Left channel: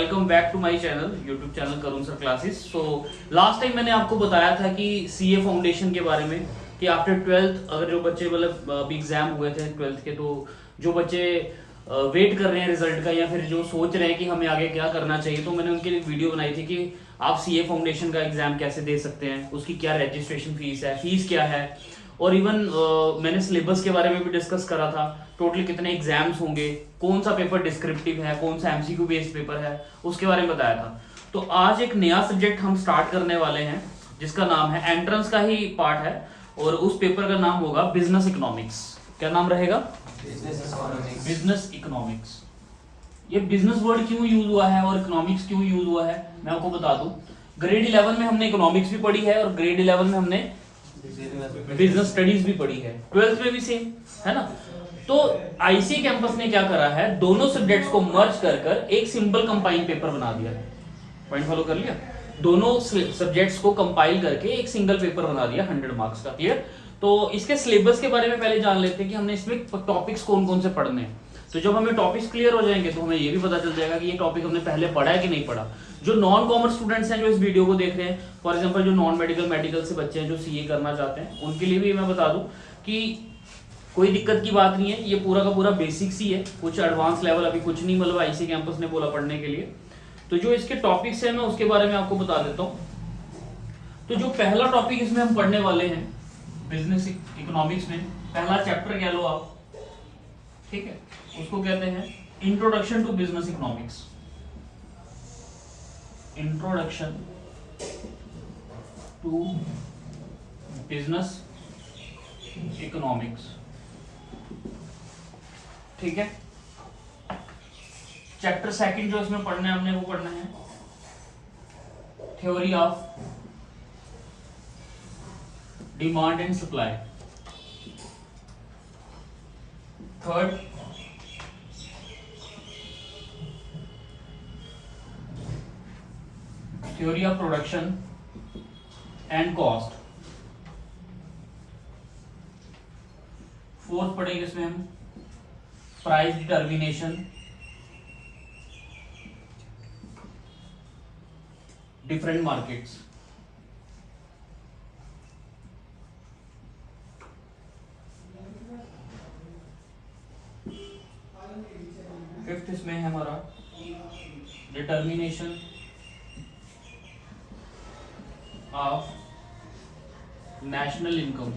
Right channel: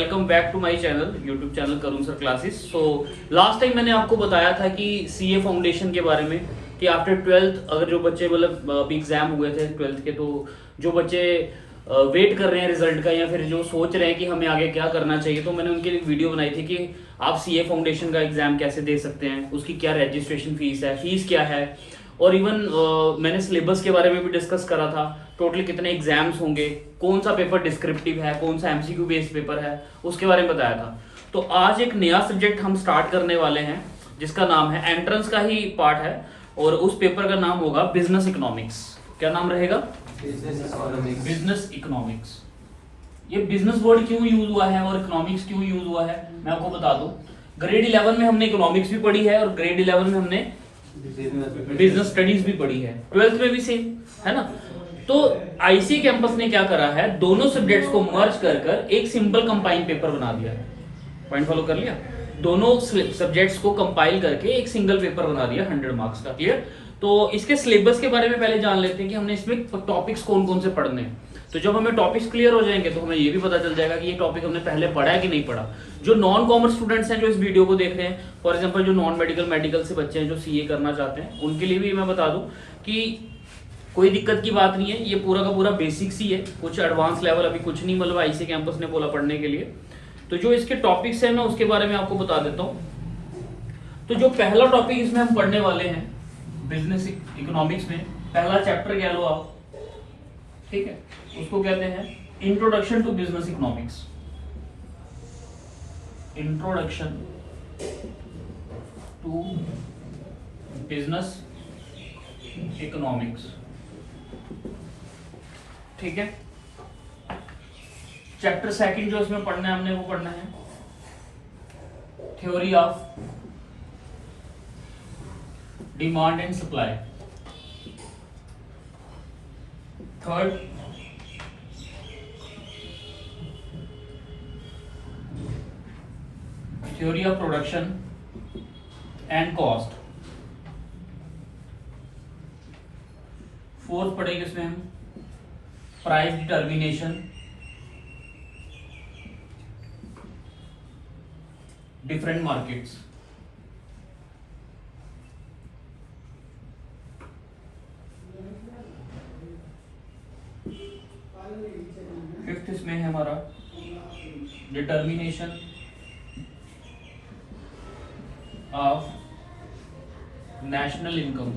Welcome back to my channel, YouTube channel Karun sir classes. So last time मैंने आपको बताया था कि सीए फाउंडेशन के बारे में कि आफ्टर 12th अगर जो बच्चे मतलब अभी एग्जाम हुए थे 12th के, तो जो बच्चे वेट कर रहे हैं रिजल्ट का या फिर जो सोच रहे हैं कि हमें आगे क्या करना चाहिए, तो मैंने उनके लिए वीडियो बनाई थी कि आप सीए फाउंडेशन का एग्जाम कैसे दे सकते हैं, उसकी क्या रजिस्ट्रेशन फीस है, फीस क्या है, और इवन मैंने सिलेबस के बारे में भी डिस्कस करा था। टोटल कितने एग्जाम्स होंगे, कौन सा पेपर डिस्क्रिप्टिव है, कौन सा एमसीक्यू बेस्ड पेपर है, उसके बारे में बताया था। तो आज एक नया सब्जेक्ट हम स्टार्ट करने वाले हैं जिसका नाम है, एंट्रेंस का ही पार्ट है, और उस पेपर का नाम होगा बिजनेस इकोनॉमिक्स। क्या नाम रहेगा? Business economics. ये बिजनेस वर्ड क्यों यूज हुआ है और इकोनॉमिक्स क्यों यूज हुआ है मैं आपको बता दूं। ग्रेड 11 में हमने इकोनॉमिक्स भी पढ़ी है और ग्रेड 11 में हमने बिजनेस स्टडीज भी पढ़ी है, 12th में भी सेम है ना। तो आईसी कैंपस ने क्या करा है, दोनों सब्जेक्ट्स को मर्ज कर एक सिंपल कंपाइंड पेपर बना दिया है। पॉइंट फॉलो कर लिया? दोनों सब्जेक्ट्स को कंपाइल करके एक सिंगल पेपर बना दिया 100 मार्क्स का। क्लियर? तो इसके सिलेबस के बारे में पहले जान लेते हैं कि हमने इसमें टॉपिक्स कौन कौन से पढ़ने हैं। तो जब हमें टॉपिक्स क्लियर हो जाएंगे तो हमें ये भी पता चल जाएगा कि ये टॉपिक हमने पहले पढ़ा है कि नहीं पढ़ा। जो नॉन कॉमर्स स्टूडेंट्स हैं जो इस वीडियो को देख रहे हैं, फॉर एग्जांपल जो नॉन मेडिकल मेडिकल से बच्चे हैं जो सीए करना चाहते हैं, उनके लिए भी मैं बता दूं कि कोई दिक्कत की बात नहीं है, ये पूरा का पूरा बेसिक्स ही है, कुछ एडवांस लेवल अभी कुछ नहीं मतलब आईसी कैंपस ने बोला पढ़ने के लिए। तो जो इसके टॉपिक्स है मैं उसके बारे में आपको बता देता हूँ। तो जो पहला टॉपिक इसमें हम पढ़ने वाले हैं बिजनेस इकोनॉमिक्स में, पहला चैप्टर कह लो आप, ठीक है, उसको कहते हैं introduction to business economics. Introduction to business economics, ठीक है। चैप्टर सेकंड जो इसमें पढ़ना है हमने वो पढ़ना है theory of demand and supply. Third theory of production and cost. Fourth पढ़ेंगे इसमें हम price determination, different markets. Fifth इसमें है हमारा determination of national income.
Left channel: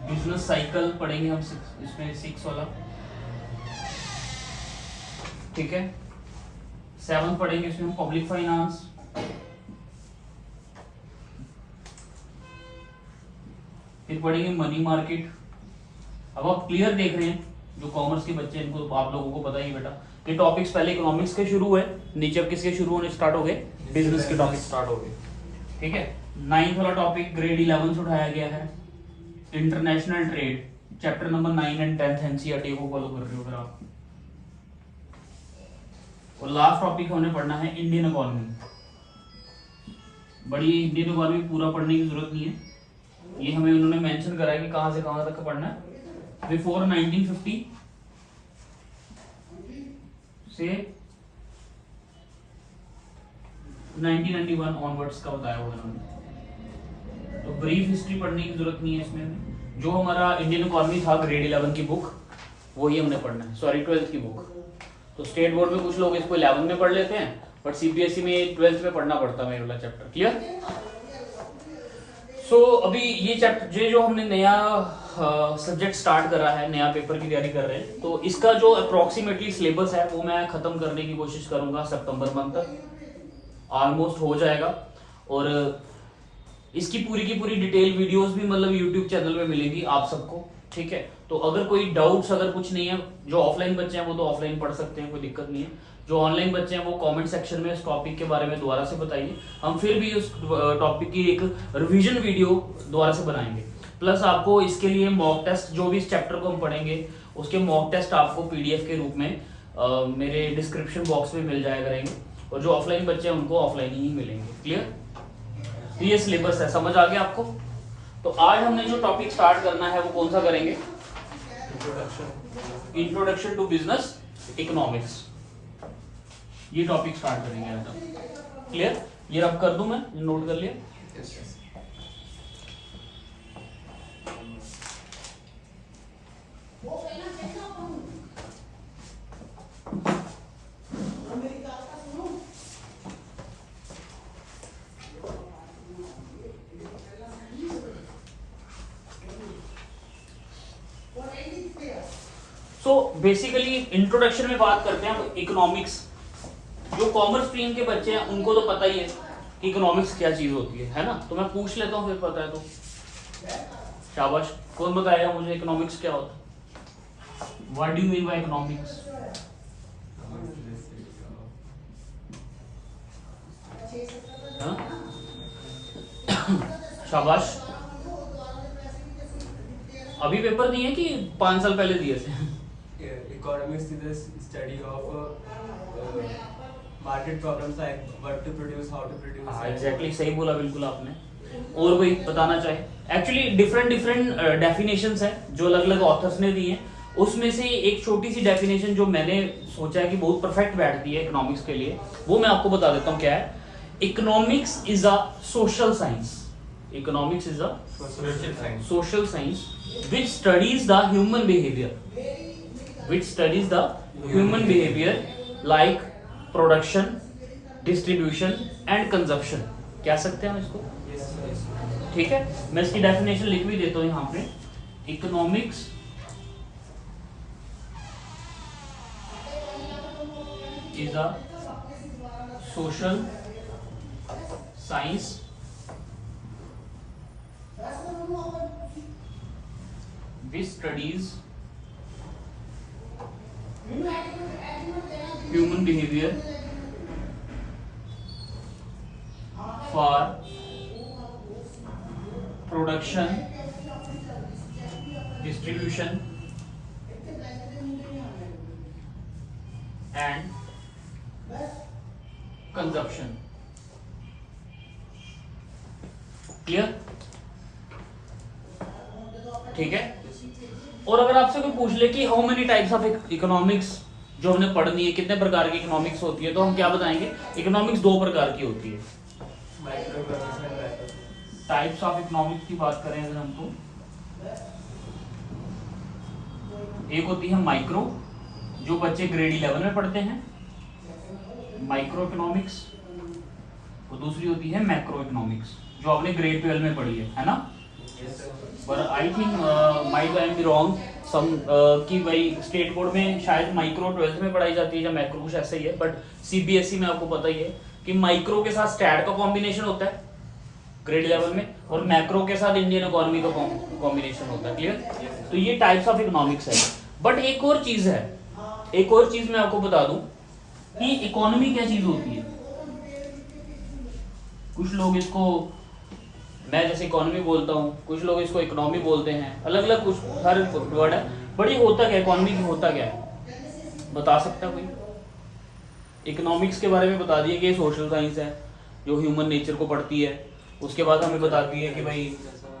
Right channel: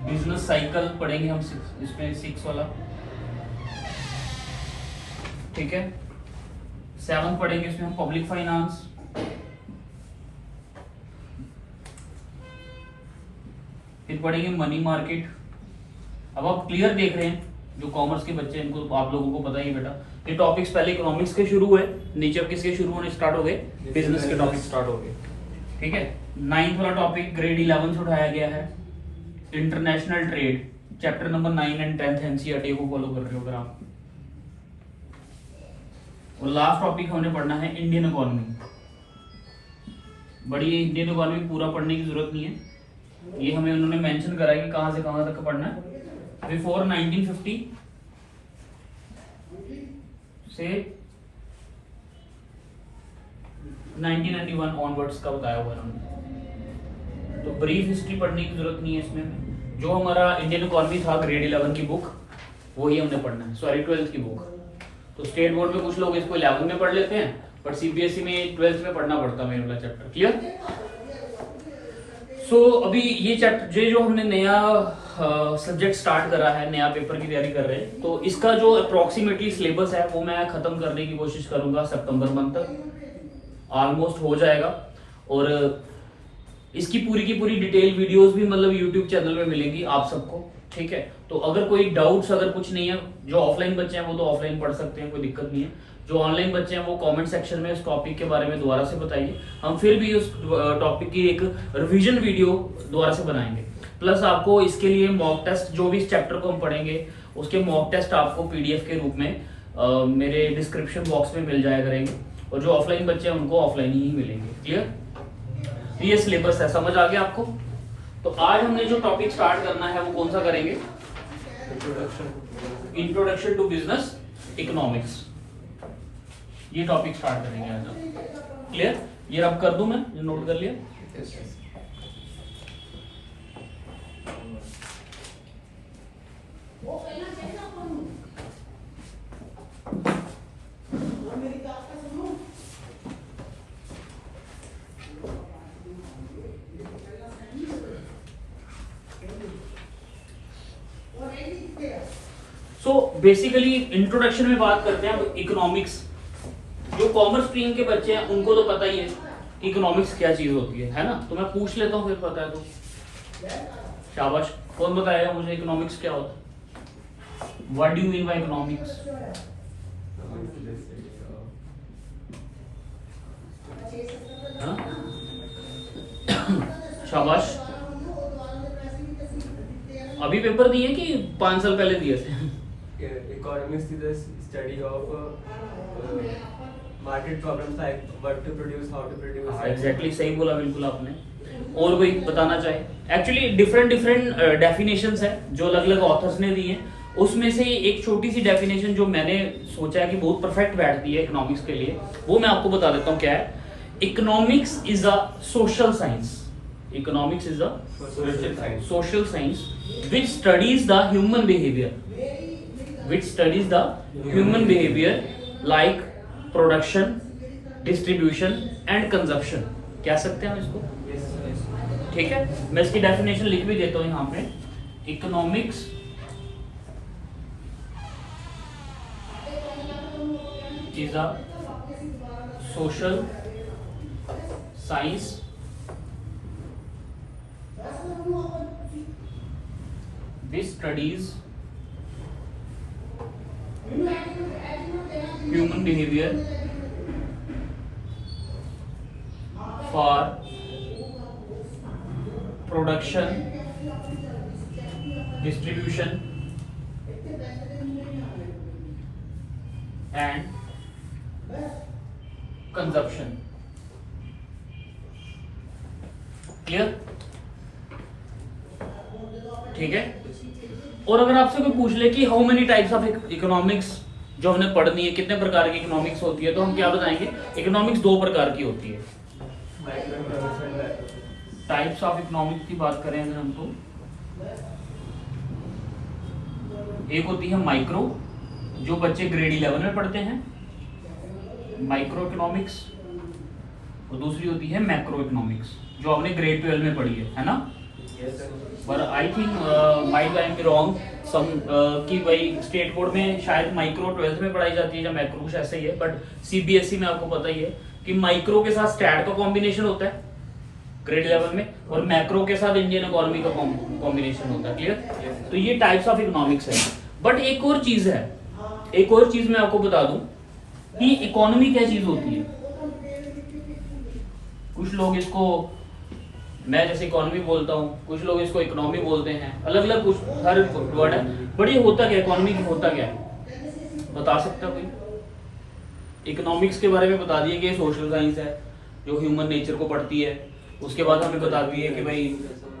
Business cycle पढ़ेंगे हम इसमें 6 वाला, ठीक है। 7 पढ़ेंगे इसमें हम पब्लिक फाइनेंस। फिर पढ़ेंगे मनी मार्केट। अब आप क्लियर देख रहे हैं, जो कॉमर्स के बच्चे हैं इनको आप लोगों को पता ही बेटा, ये टॉपिक्स पहले इकोनॉमिक्स के शुरू हुए, नीचे किसके शुरू होने स्टार्ट हो गए, बिजनेस के टॉपिक स्टार्ट हो गए, ठीक है। 9th वाला टॉपिक ग्रेड 11 से उठाया गया है, international trade, chapter number 9 and 10 NCERT को फॉलो कर रहे हो अगर आप। और लास्ट टॉपिक हमने पढ़ना है इंडियन इकोनॉमी। बड़ी इंडियन इकोनॉमी पूरा पढ़ने की जरूरत नहीं है, ये हमें उन्होंने मेंशन करा है कि कहां से कहां तक पढ़ना है। बिफोर 1950 से 1991 ऑनवर्ड्स का बताया हुआ उन्होंने। तो ब्रीफ हिस्ट्री पढ़ने की जरूरत नहीं है इसमें। जो हमारा इंडियन इकोनॉमी था ग्रेड 11 की बुक, वही हमने पढ़ना है, सॉरी 12th की बुक। तो स्टेट बोर्ड में कुछ लोग इसको 11 में पढ़ लेते हैं, बट सीबीएसई में 12th में पढ़ना पड़ता है मेरे वाला चैप्टर। क्लियर? सो अभी ये चैप्टर जो हमने नया सब्जेक्ट स्टार्ट करा है, नया पेपर की तैयारी कर रहे हैं, तो इसका जो अप्रोक्सीमेटली सिलेबस है वो मैं खत्म करने की कोशिश करूंगा सितंबर मंथ तक, ऑलमोस्ट हो जाएगा। और इसकी पूरी की पूरी डिटेल वीडियोस भी मतलब यूट्यूब चैनल में मिलेगी आप सबको, ठीक है। तो अगर कोई डाउट्स अगर कुछ नहीं है, जो ऑफलाइन बच्चे हैं वो तो ऑफलाइन पढ़ सकते हैं, कोई दिक्कत नहीं है। जो ऑनलाइन बच्चे हैं वो कमेंट सेक्शन में इस टॉपिक के बारे में दोबारा से बताइए, हम फिर भी उस टॉपिक की एक रिवीजन वीडियो दोबारा से बनाएंगे। प्लस आपको इसके लिए मॉक टेस्ट, जो भी इस चैप्टर को हम पढ़ेंगे उसके मॉक टेस्ट आपको पीडीएफ के रूप में मेरे डिस्क्रिप्शन बॉक्स में मिल जाया करेंगे, और जो ऑफलाइन बच्चे हैं उनको ऑफलाइन ही मिलेंगे। क्लियर? ये सिलेबस है, समझ आ गया आपको? तो आज हमने जो टॉपिक स्टार्ट करना है वो कौन सा करेंगे? इंट्रोडक्शन टू बिजनेस इकोनॉमिक्स, ये टॉपिक स्टार्ट करेंगे आज हम। क्लियर? ये रब कर दूं मैं, ये नोट कर लिया। सो बेसिकली इंट्रोडक्शन में बात करते हैं इकोनॉमिक्स। जो कॉमर्स स्ट्रीम के बच्चे हैं उनको तो पता ही है इकोनॉमिक्स क्या चीज होती है ना? तो मैं पूछ लेता हूँ, फिर पता है तो शाबाश। कौन बताएगा मुझे इकोनॉमिक्स क्या होता है? What do you mean by economics? शाबाश। अभी पेपर दिए कि 5 साल पहले दिए थे? Economics is the study of market problems like what to produce, how to produce. हाँ एग्जैक्टली, सही बोला बिल्कुल आपने। और कोई बताना चाहे? एक्चुअली डिफरेंट डेफिनेशंस है जो अलग अलग ऑथर्स ने दी हैं। उसमें से एक छोटी सी डेफिनेशन जो मैंने सोचा है कि बहुत परफेक्ट बैठती है इकोनॉमिक्स के लिए, वो मैं आपको बता देता हूँ क्या है। Economics is a social science. Economics is a social science which studies the human behavior, like production, distribution and consumption। कह सकते हैं हम इसको? ठीक है, मैं इसकी डेफिनेशन लिख भी देता हूं यहाँ पे। Economics is a social science which studies human behavior for production, distribution and consumption। Clear? ठीक है। और अगर आपसे कोई पूछ ले कि how many types of economics जो हमने पढ़नी है, कितने प्रकार की इकोनॉमिक्स होती है, तो हम क्या बताएंगे? इकोनॉमिक्स 2 प्रकार की होती है। टाइप्स ऑफ इकोनॉमिक्स की बात करें अगर हम, तो एक होती है माइक्रो, जो बच्चे ग्रेड 11 में पढ़ते हैं, माइक्रो इकोनॉमिक्स। और दूसरी होती है मैक्रो इकोनॉमिक्स, जो आपने ग्रेड 12 में पढ़ी है ना? पर I think might I am be wrong some कि भाई स्टेट बोर्ड में शायद माइक्रो 12th में पढ़ाई जाती है या मैक्रो, कुछ ऐसा ही है। बट सीबीएसई में आपको पता ही है कि माइक्रो के साथ स्टैट का कॉम्बिनेशन होता है ग्रेड 11 में, और मैक्रो के साथ इंडियन इकोनॉमी का कॉम्बिनेशन होता है। क्लियर? तो ये टाइप्स ऑफ इकोनॉमिक्स है। बट एक और चीज है, एक और चीज मैं आपको बता दूं कि इकोनॉमी क्या चीज होती है। कुछ लोग इसको, मैं जैसे इकोनॉमी बोलता हूँ, कुछ लोग इसको इकोनॉमी बोलते हैं, अलग अलग कुछ हर वर्ड है। बट ये होता क्या, इकोनॉमी की होता क्या है, बता सकता है कोई? इकोनॉमिक्स के बारे में बता दिए कि ये सोशल साइंस है जो ह्यूमन नेचर को पढ़ती है। उसके बाद हमें बता दिए कि भाई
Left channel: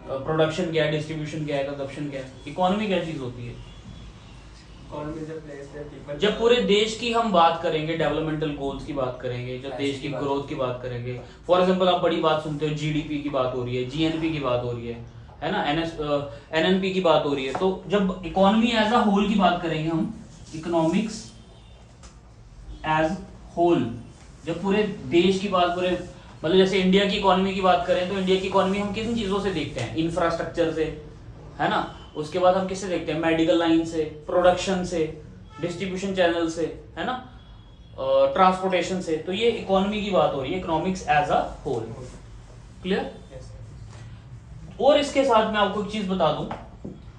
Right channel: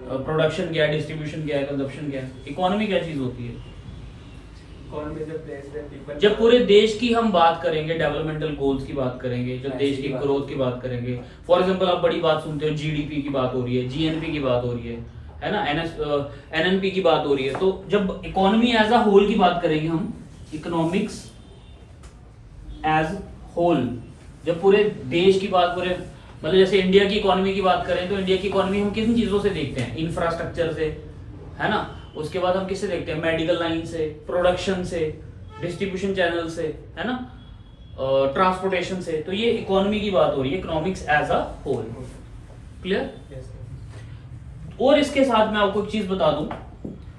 प्रोडक्शन क्या है, डिस्ट्रीब्यूशन क्या है, कंजप्शन क्या है। इकोनॉमी क्या चीज होती है? जब पूरे देश की हम बात करेंगे, डेवलपमेंटल गोल्स की बात करेंगे, जब देश की ग्रोथ की बात करेंगे, फॉर एग्जांपल आप बड़ी बात सुनते हो, जीडीपी की बात हो रही है, जीएनपी की बात हो रही है ना, एनएनपी की बात हो रही है। तो जब इकोनॉमी एज अ होल की बात करेंगे हम, इकोनॉमिक्स एज होल, जब पूरे देश की बात, पूरे मतलब जैसे इंडिया की इकोनॉमी की बात करें, तो इंडिया की इकोनॉमी हम किन चीजों से देखते हैं? इंफ्रास्ट्रक्चर से, है ना? उसके बाद हम किससे देखते हैं? मेडिकल लाइन से, प्रोडक्शन से, डिस्ट्रीब्यूशन चैनल से, है ना, ट्रांसपोर्टेशन से। तो ये इकोनॉमी की बात हो रही है, economics as a whole. Clear? और इसके साथ मैं आपको एक चीज बता दूं,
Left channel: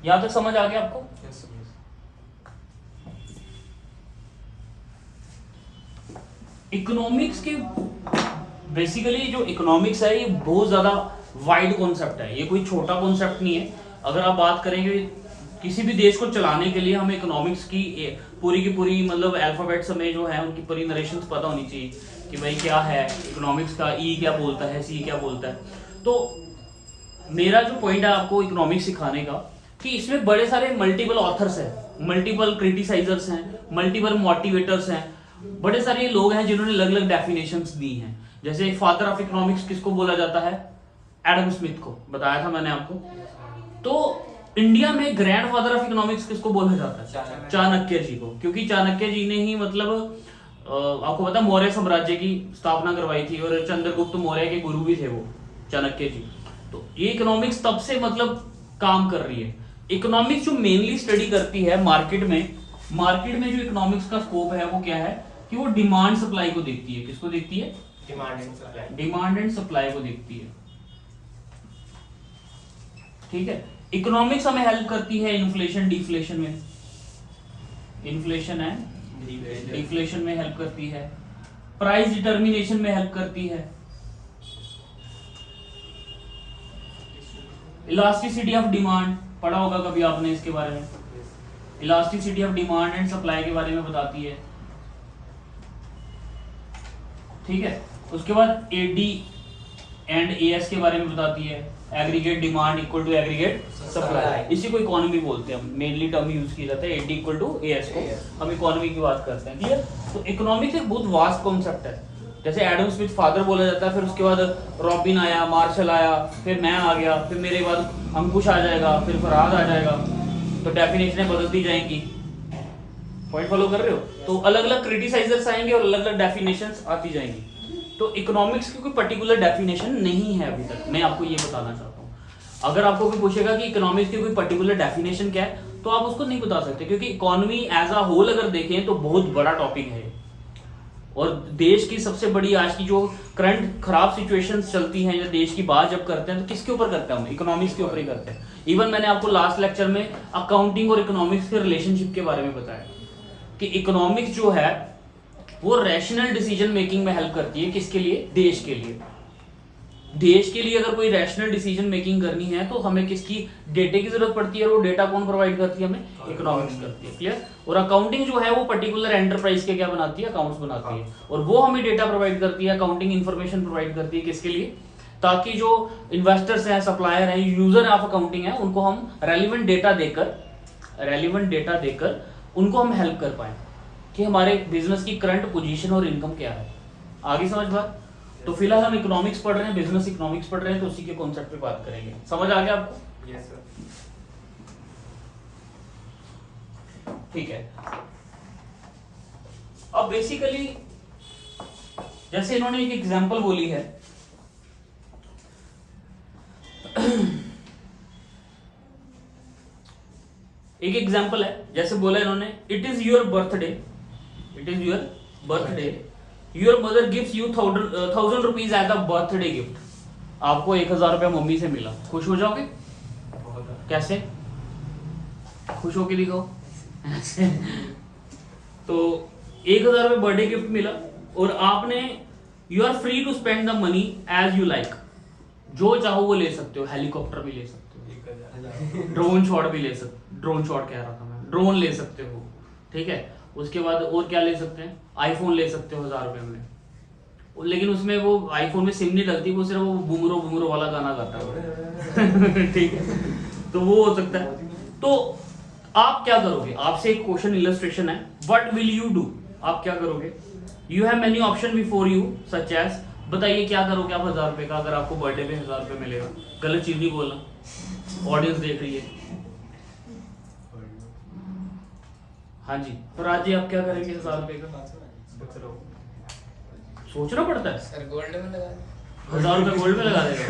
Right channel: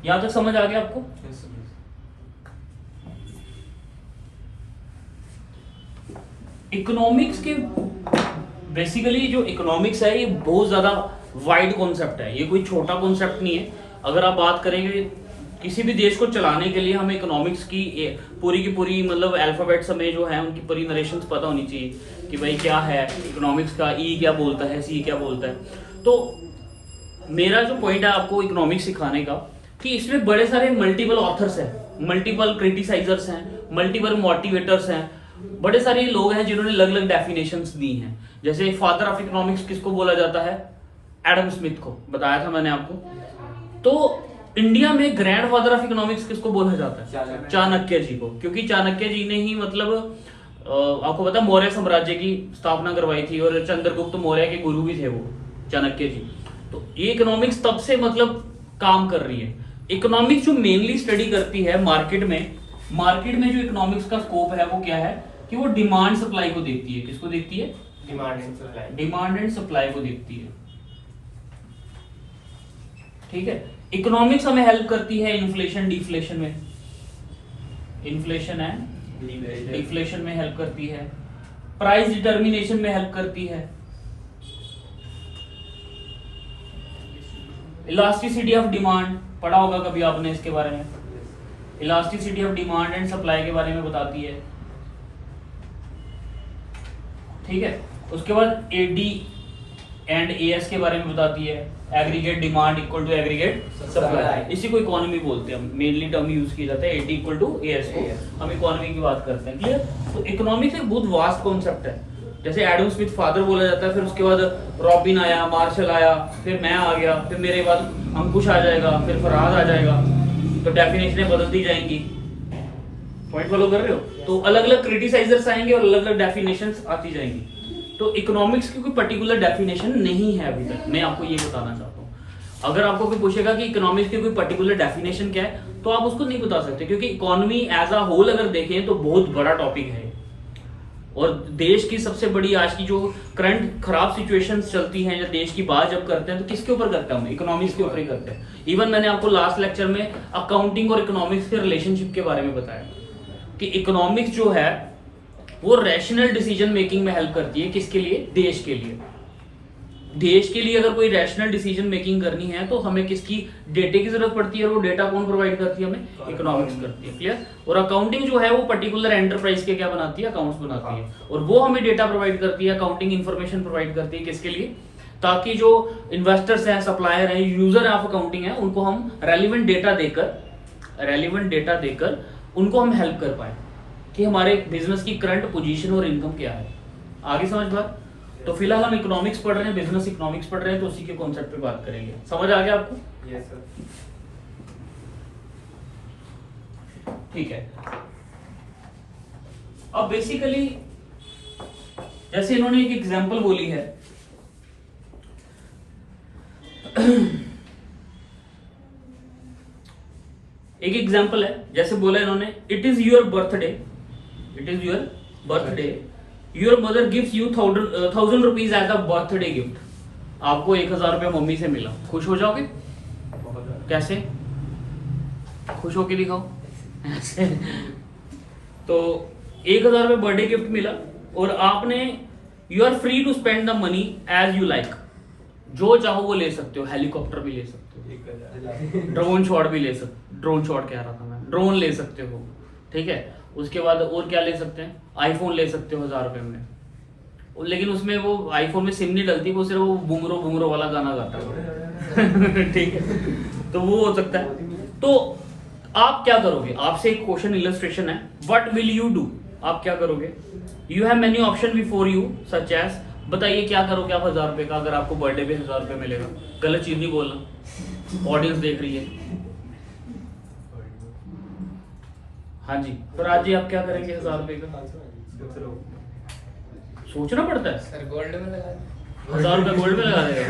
यहां तक समझ आ गया आपको? इकोनॉमिक्स के बेसिकली जो इकोनॉमिक्स है, ये बहुत ज्यादा वाइड कॉन्सेप्ट है, ये कोई छोटा कॉन्सेप्ट नहीं है। अगर आप बात करेंगे किसी भी देश को चलाने के लिए, हमें इकोनॉमिक्स की पूरी मतलब अल्फाबेट्स हमें जो है उनकी पूरी नरेशंस पता होनी चाहिए कि भाई क्या है इकोनॉमिक्स का, ई क्या बोलता है, सी क्या बोलता है। तो मेरा जो पॉइंट है आपको इकोनॉमिक्स सिखाने का, कि इसमें बड़े सारे मल्टीपल ऑथर्स हैं, मल्टीपल क्रिटिसाइजर्स हैं, मल्टीपल मोटिवेटर्स हैं, बड़े सारे लोग हैं जिन्होंने अलग अलग डेफिनेशंस दी हैं। जैसे फादर ऑफ इकोनॉमिक्स किसको बोला जाता है? एडम स्मिथ को, बताया था मैंने आपको। तो इंडिया में ग्रैंड फादर ऑफ इकोनॉमिक्स किसको बोला जाता है? चाणक्य जी को, क्योंकि चाणक्य जी ने ही मतलब आपको पता मौर्य साम्राज्य की स्थापना करवाई थी और चंद्रगुप्त मौर्य के गुरु भी थे वो चाणक्य जी। तो ये इकोनॉमिक्स तब से मतलब काम कर रही है। इकोनॉमिक्स जो मेनली स्टडी करती है मार्केट में जो इकोनॉमिक्स का स्कोप है वो क्या है कि वो डिमांड सप्लाई को देखती है। किसको देखती है? डिमांड एंड सप्लाई को देखती है। ठीक है, इकोनॉमिक्स हमें हेल्प करती है इन्फ्लेशन डिफ्लेशन में, इन्फ्लेशन एंड डिफ्लेशन में हेल्प करती है, प्राइस डिटर्मिनेशन में हेल्प करती है, इलास्टिसिटी ऑफ डिमांड पढ़ा होगा कभी आपने इसके बारे में, elasticity of demand and supply के बारे में बताती है। ठीक है, उसके बाद एडी एंड एएस के बारे में बताती है, aggregate demand equal to aggregate supply. इसी को इकोनॉमी बोलते हैं, मेनली टर्म यूज किया जाता है एडी इक्वल टू एएस को हम इकोनॉमी की बात करते हैं। क्लियर? तो इकोनॉमिक्स एक बहुत वास्ट कॉन्सेप्ट है। जैसे एडम स्मिथ फादर बोला जाता है, फिर उसके बाद रॉबिन आया, मार्शल आया, फिर मैं आ गया, फिर मेरे बाद अंकुश आ जाएगा, फिर फरहाद आ जाएगा, तो डेफिनेशनें बदलती जाएंगी। पॉइंट फॉलो कर रहे हो? तो अलग अलग क्रिटिसाइजर्स आएंगे और अलग अलग डेफिनेशंस आती जाएंगी। तो इकोनॉमिक्स की कोई पर्टिकुलर डेफिनेशन नहीं है अभी तक, मैं आपको ये बताना चाहता हूँ। अगर आपको कोई पूछेगा कि इकोनॉमिक्स की कोई पर्टिकुलर डेफिनेशन क्या है, तो आप उसको नहीं बता सकते, क्योंकि इकोनॉमी एज अ होल अगर देखें तो बहुत बड़ा टॉपिक है और देश की सबसे बड़ी आज की जो करंट खराब सिचुएशंस चलती हैं या देश की बात जब करते हैं तो किसके ऊपर करते हैं? हम इकोनॉमिक्स के ऊपर ही करते हैं। इवन मैंने आपको लास्ट लेक्चर में अकाउंटिंग और इकोनॉमिक्स के रिलेशनशिप के बारे में बताया कि इकोनॉमिक्स जो है वो रैशनल डिसीजन मेकिंग में हेल्प करती है। किसके लिए? देश के लिए। देश के लिए अगर कोई रैशनल डिसीजन मेकिंग करनी है तो हमें किसकी? डेटा की जरूरत पड़ती है, और वो डेटा कौन प्रोवाइड करती है? हमें इकोनॉमिक्स करती है। क्लियर? और अकाउंटिंग जो है वो पर्टिकुलर एंटरप्राइज के क्या बनाती है? अकाउंट्स बनाती है, और वो हमें डेटा प्रोवाइड करती है, अकाउंटिंग इन्फॉर्मेशन प्रोवाइड करती है। किसके लिए? ताकि जो इन्वेस्टर्स हैं, सप्लायर हैं, यूजर ऑफ अकाउंटिंग है, उनको हम रेलिवेंट डेटा देकर उनको हम हेल्प कर पाए कि हमारे बिजनेस की करंट पोजीशन और इनकम क्या है। आगे समझ बात? तो फिलहाल हम इकोनॉमिक्स पढ़ रहे हैं, बिजनेस इकोनॉमिक्स पढ़ रहे हैं, तो उसी के कॉन्सेप्ट पे बात करेंगे। समझ आ गया आपको? Yes sir. ठीक है। अब बेसिकली जैसे इन्होंने एक एग्जांपल बोली है एक एग्जांपल है, जैसे बोला इन्होंने, it is your birthday, your mother gives you 1000 rupees as a birthday gift. आपको 1000 रुपया मम्मी से मिला, खुश हो जाओगे? कैसे? खुश होके दिखाओ। तो 1000 रुपये बर्थडे गिफ्ट मिला और आपने, you are free to spend the money as you like. जो चाहो वो ले सकते हो, हेलीकॉप्टर भी ले सकते हो, ड्रोन शॉट भी ले सकते, ड्रोन शॉट कह रहा था मैं, ड्रोन ले सकते हो। ठीक है, उसके बाद और क्या ले सकते हैं? आईफोन ले सकते हो 1000 रुपये में, लेकिन उसमें वो आईफोन में सिम नहीं डलती, वो सिर्फ वो बुंगरो वाला गाना गाता है। ठीक है, तो वो हो सकता है। तो आप क्या करोगे? आपसे एक क्वेश्चन इलस्ट्रेशन है, व्हाट विल यू डू? आप क्या करोगे? You have many option before you such as, बताइए क्या करोगे आप 1000 रुपये का अगर आपको बर्थडे पे 1000 रुपये मिलेगा? गलत चीज नहीं बोलना, ऑडियंस देख रही है। हाँ जी, तो आज जी आप क्या करेंगे 1000 रुपये का? सोचना पड़ता है। गोल्ड में लगा 1000 रुपये गोल्ड में लगा देगा।